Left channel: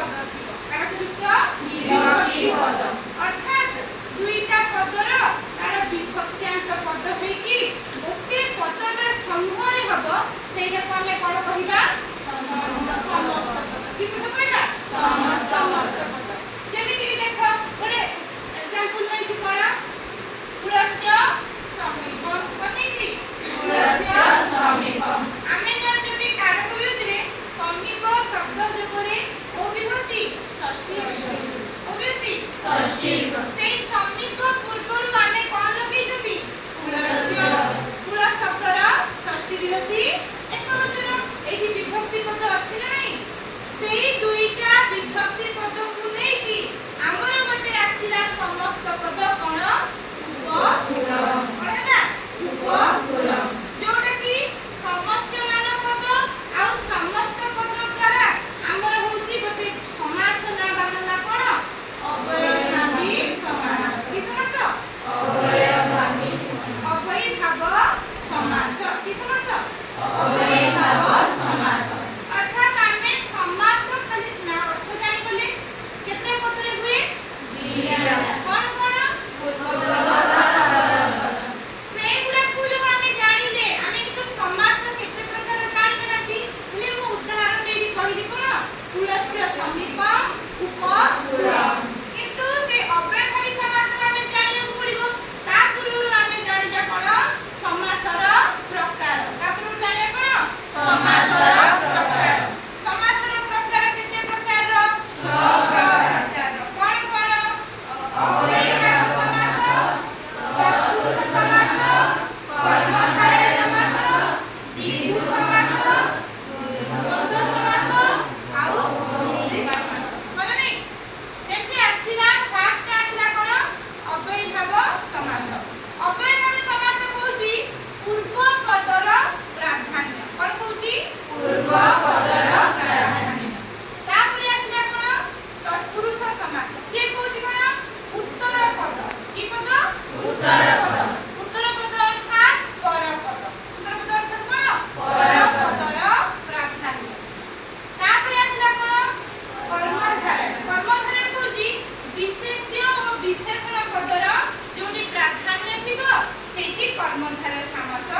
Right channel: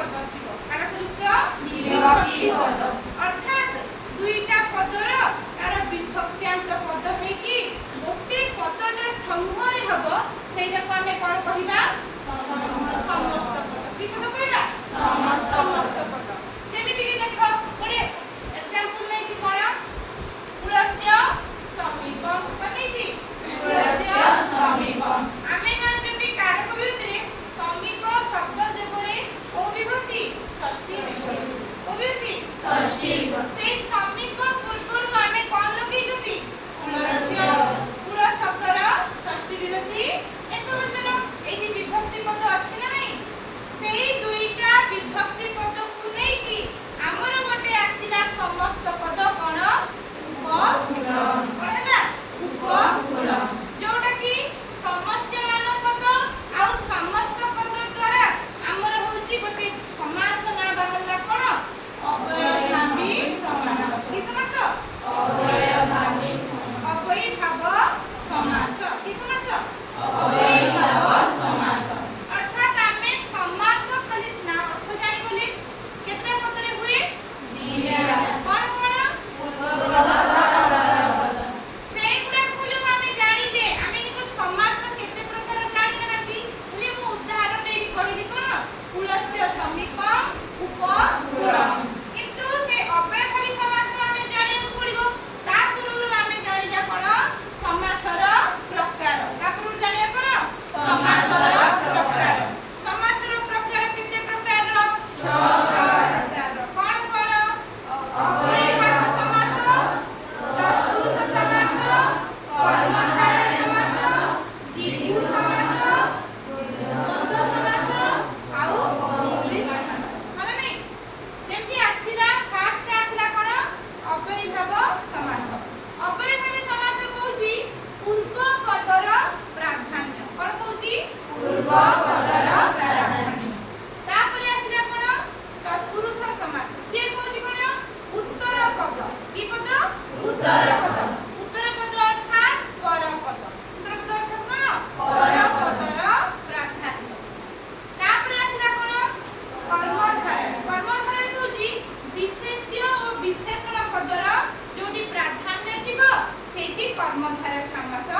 पद थिबो कारकयुक्त विभक्ति पद अर्थात दुईटा पदर तार विभक्त्यांक पद है कि गोटे पदर समूह रे हबो सेटा को हमें कोन कहिबा समस्त पद कि पद कहबा समस्त पद जेमिति कि देखो गोटे एग्जांपल नै कि कोन पुरस्य समीपम कोनी कि पुरस्य समीपम आमे जण जदि कारकयुक्त रे समीप शब्द जोरे ओ विभक्ति षष्ठी विभक्ति ओ विभक्ति षष्ठी से समीप पूर्वरु आमे कोन लगे जति पुरस्य पुर शब्दर षष्ठी विभक्ति एकवचन एठी विभक्ति पद अछि ना नहीं सेई दुईटा विभक्ति पद को नै कि हमर मटे आसीला समस्त पद कोन उपपुरम कोन हला उपपुरम जोटा कि समस्य मान पद आ समस्त पद द्वारा हमर होची गोटे समास ना बाहरला कोन अवयभावी समास कि समास अवयभावी अवयभाव समास कि समास अवयभाव समास अर्थात आमे समास खाली ना अर्थ जानि गले केतरा पदरे हुए दीया कोन कोन पूर्वभाव सेगुडा को जो आमे जानिले आमे कि तो समास केते प्रकार जानि नथि ले मु उदाहरण देबी कहिली कोन पुरस्य समीपम उपपुरम किंतु से अव्ययभावी समास आमे जानि पड़िबो ता पूर्वरु आमे जानि जा कोन समासर प्रकार ता पूर्वरु जानि कोन समासर प्रकार केते प्रकार रो 6 प्रकार कोन कोन अव्ययभावी समास तत्पुरुष समास कर्मधारय समास द्विगु समास द्वंद्व समास आउ बहुब्रीहि समास माने नै जेमति आसीला फास्ट आसीला कोन अव्ययभाव समास अव्ययभावी समास कहूची पूर्व पदर प्राधान्य कोन कहूची पूर्व पदर प्राधान्य तापरे आसीला कोन तत्पुरुष समास से कहूची कोन उत्तर पद की पद उत्तर पद अर्थात पर पद उत्तर पद अर्थात कोन पर पदर प्राधान्य तापरे आसीला कोन कर्मधारय कहूची विशेष्य और विशेषण पदर जोटी प्राधान्य थिबो सेठी कर्मधारय समास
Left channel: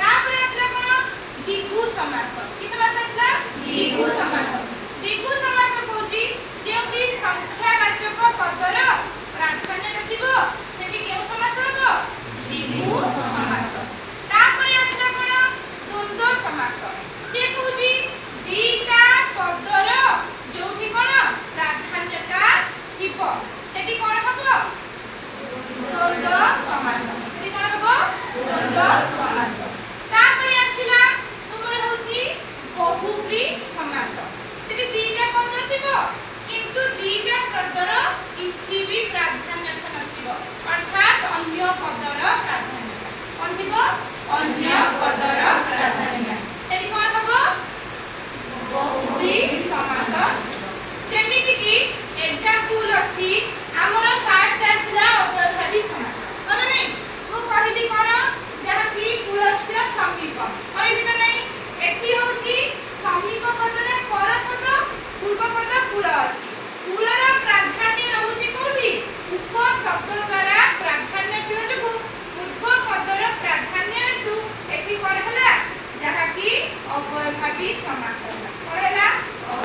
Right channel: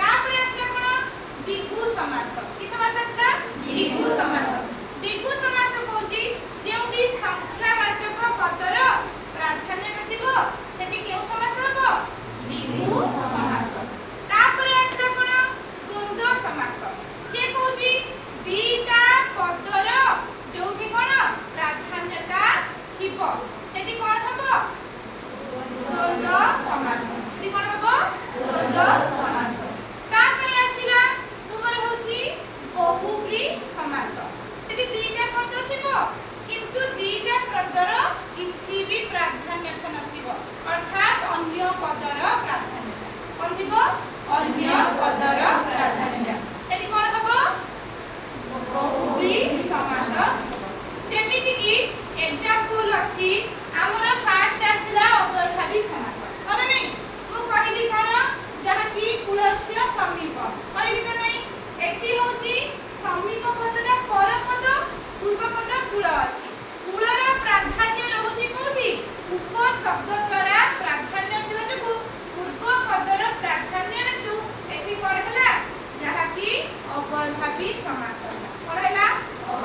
तापरे आसीला कोन द्विगु समास कि समास आसीला द्विगु समास कहूची जेउटी संख्यावाचक पदर प्राधान्य थिबो सेठी केउ समास हबो द्विगु समास तापरे आसीला कोन द्वंद्व समास से कहूची दीटा पदर जोठी कोन प्राधान्यता थिबो सेठी कोन हबो द्वंद्व समास सेठी कोन हबो द्वंद्व समास तापरे आसीला तुमर होची बहुब्रीहि समास सेठी दीटा पद थिबो किंतु दीटा पदर किछि भी प्राधान्य नथिबो अर्थात अन्य पदर प्राधान्य अन्तिबो अन्य पदर प्राधान्य सेठी कोन हबो बहुब्रीहि समास जेमिति कि एग्जांपल अछि हमर फास्ट आसीला अव्ययभावी समास कोन नै मु कहिली कोन जहा कि पुरस्य समीपम कहिली न नै एठी होची समीप पदले पर पद पूर्व पद पुर अछि पुरर प्राधान्य रहउची कोठी उप शब्द द्वारा प्राधान्य थिबा जको पूर्व पदर प्राधान्य हेतु एठी कोन हला जहा कि अव्ययभावी समास हला कोन हला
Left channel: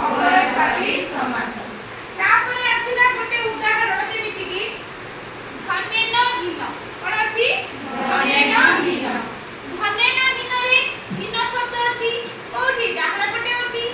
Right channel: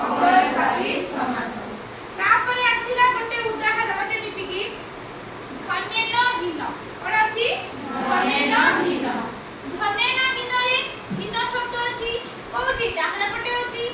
अव्ययभावी समास तापरे आसीला गोटे उदाहरण जेमिति कि धनेन हीन कोन अछि धनेन हीन रे हीन शब्द अछि कोठी डाहण पटे अछि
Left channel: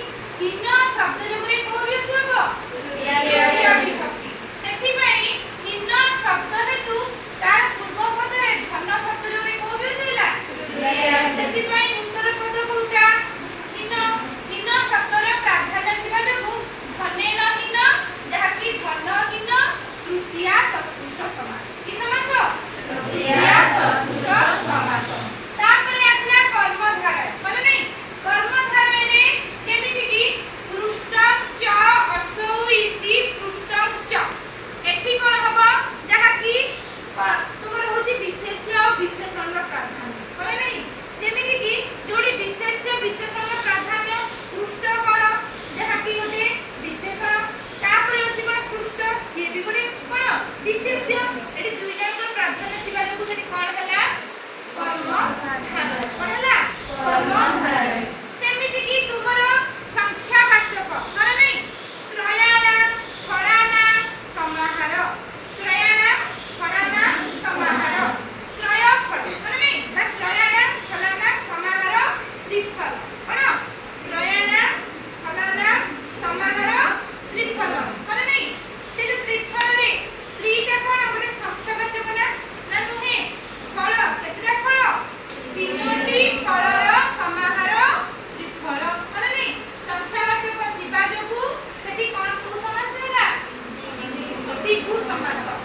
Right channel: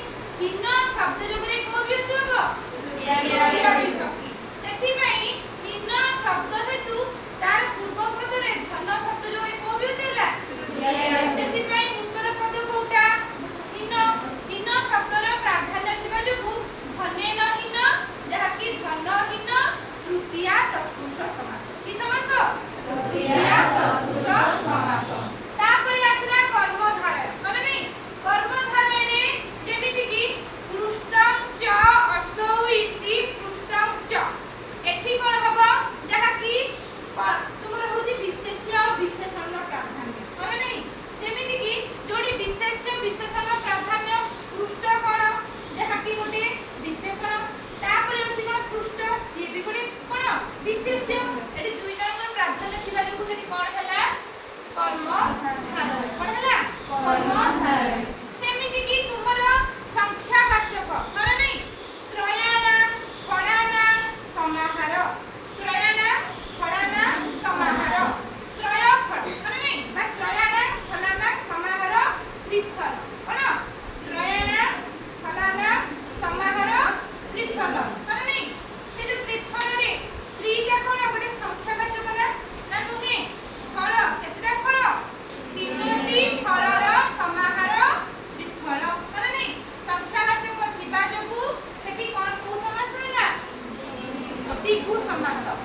ଦ୍ୱିଗୁ ସମାସ